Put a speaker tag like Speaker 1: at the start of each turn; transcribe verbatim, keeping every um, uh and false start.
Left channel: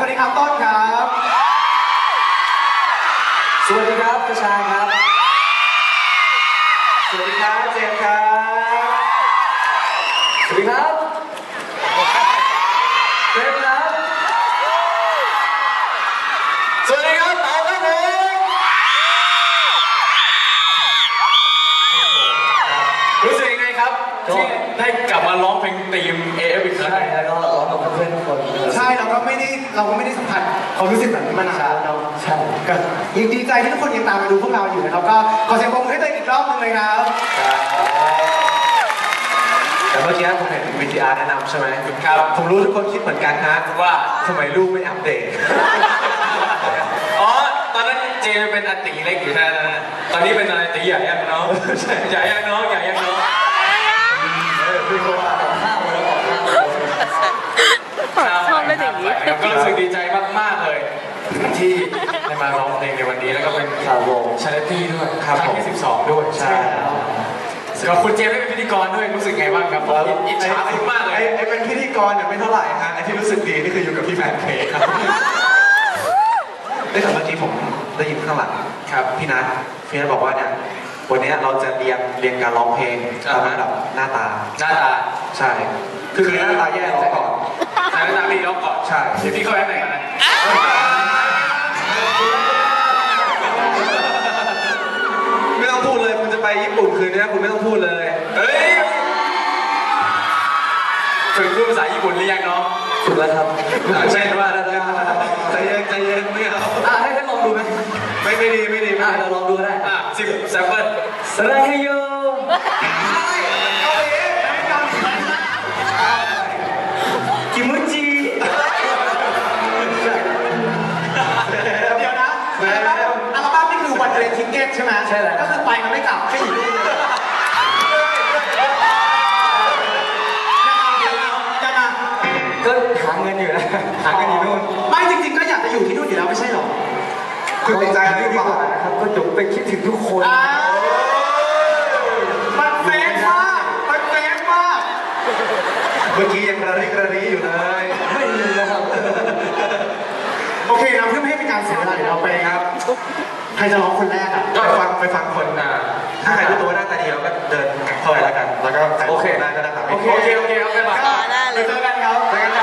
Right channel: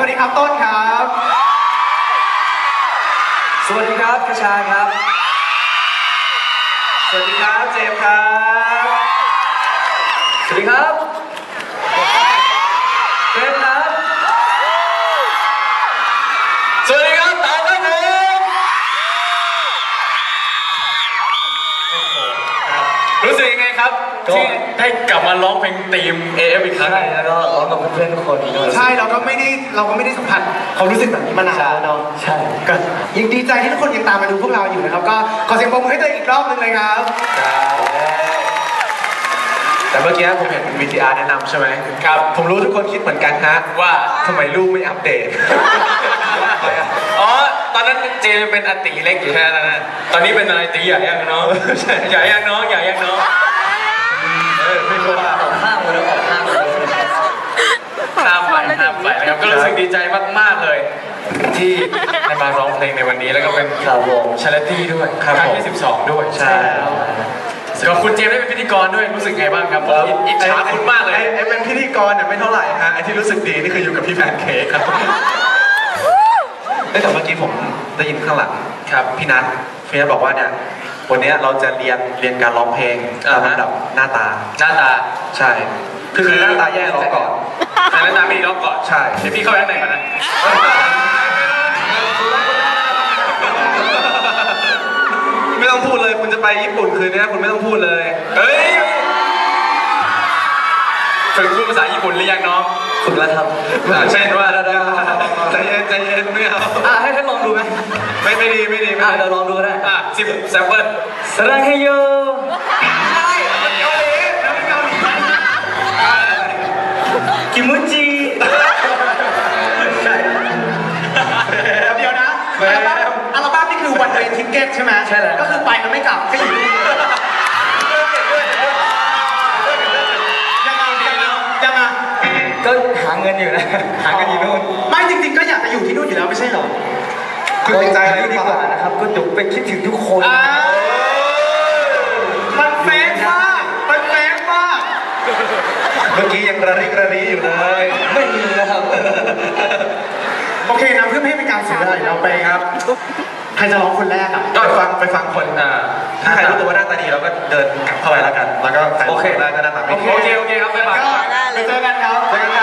Speaker 1: วัสดีครับต้นครับ
Speaker 2: สวัสดีครับกระชายครับสวัสดีครับเจมส์ครับสวัสดีครับเจมส์ครับสวัสดีครับเต๋าครับผมรู้สึกยังไงครับที่ได้กลับมาร้องเพลงธีม เอ เอฟ อีกครั้งแล้วก็ร้องกับเพื่อนๆทุกคน
Speaker 1: ใช่เราก็ไม่ได้เราก็ไม่ได้สัมผัสความรู้สึกแบบนี้มานานแล้วเนาะใช่ก็ยังดีใจที่ทุกคนยังตามมาดูพวกเราอยู่นะครับก็ขอเสียงปรบมือให้ตัวเองอีกรอบนึงเลยครับ
Speaker 2: แต่เมื่อกี้ผมเห็น วี ที อาร์ แนะนำใช่ไหมครับผมรู้ทุกคนคิดเหมือนกันฮะว่าทำไมลูกไม่อัปเดตอ๋อตอนนั้นเจเป็นอติเล็กอยู่แค่นั้นนะตอนนี้เป็นอะไรตีใหญ่ยังน้องใหญ่ยังน้องใหญ่ยังน้องเออพี่คนออกห้างเลยออกห้างเลยห้างไปห้างไปแล้วก็รู้สึกดีใจมากๆเลยที่ได้มาร้องเพลงในวันนี้แล้วก็เป็นข่าววงชาเลนตี้ด้วยครั้งที่สิบสองด้วยใช่แล้วคุณเจมส์ได้เป็นพิธีกรด้วยรู้สึกไงบ้างครับผมอิจฉาคุณมากเลยไอ้เป็นพิธีกรเนี่ยไม่เท่าไหร่ฮะไอ้ที่รู้สึกดีนี่คืออยู่กับพี่แพนเค้กครับแต่เมื่อกี้ผมได้ยินข้างหลังครับพี่นัทพี่นัทบอกว่าเนี่ยวันนี้เราจะเรียนเรียนการร้องเพลงตามระดับหน้าตาหน้าตาใช่คือหน้าตาแย่ร้องก่อนหน้าตาไม่ดีร้องก่อนใช่เดี๋ยวพี่เข้าไปไหนกันนะไม่ต้องพูดเลยคุณจะไปญี่ปุ่นคืนนี้คุณไม่ต้องพูดเลยเฮ้ยฝึกพูดภาษาญี่ปุ่นหรือยังน้องฝึกแล้วครับใช่ว่าใจเย็นใจเย็นไม่เอาอ่ะให้ให้ลองดูไหมไม่ไม่ดีไม่ดีอ่ะเราลองดูได้อ่ะสิบแซมเปิลสระเฮโยกิมุจิ
Speaker 1: เดี๋ยวนะอัลบั้มนี่คือวันเดย์ทิกเก็ตใช่ไหมใช่แล้วก็คือไปแล้วไม่กลับก็อยู่ที่นี่ยังไง
Speaker 2: ก็หาเงินอยู่นะหาเงินอยู่นู่น
Speaker 1: ไม่จริงๆก็อยากจะอยู่ที่นู่นอยู่แล้วไม่ใช่หรอ
Speaker 2: คุณติดใจนี่ดีกว่านะครับก็จุกไปคิดถึงทุกคน
Speaker 1: มันแฟนมากมันแฟนมาก
Speaker 2: เมื่อกี้ยังระริกระรีอยู่เลยไม่มีนะครับ
Speaker 1: โอเคนะเพื่อไม่ให้เป็นการเสียเวลาเราไปครับใครจะร้องคนแรกอ่ะ
Speaker 2: ก็ฟังไปฟังคนอ่าถ้าใครรู้ตัวว่าหน้าตาดีเราก็เดินกลับเข้าไปแล้วกันแล้วก็ใครโอเคได้ก็ได้ครับโอเคโอเคครับบ๊ายบาย
Speaker 1: เจอกันครับเจอกัน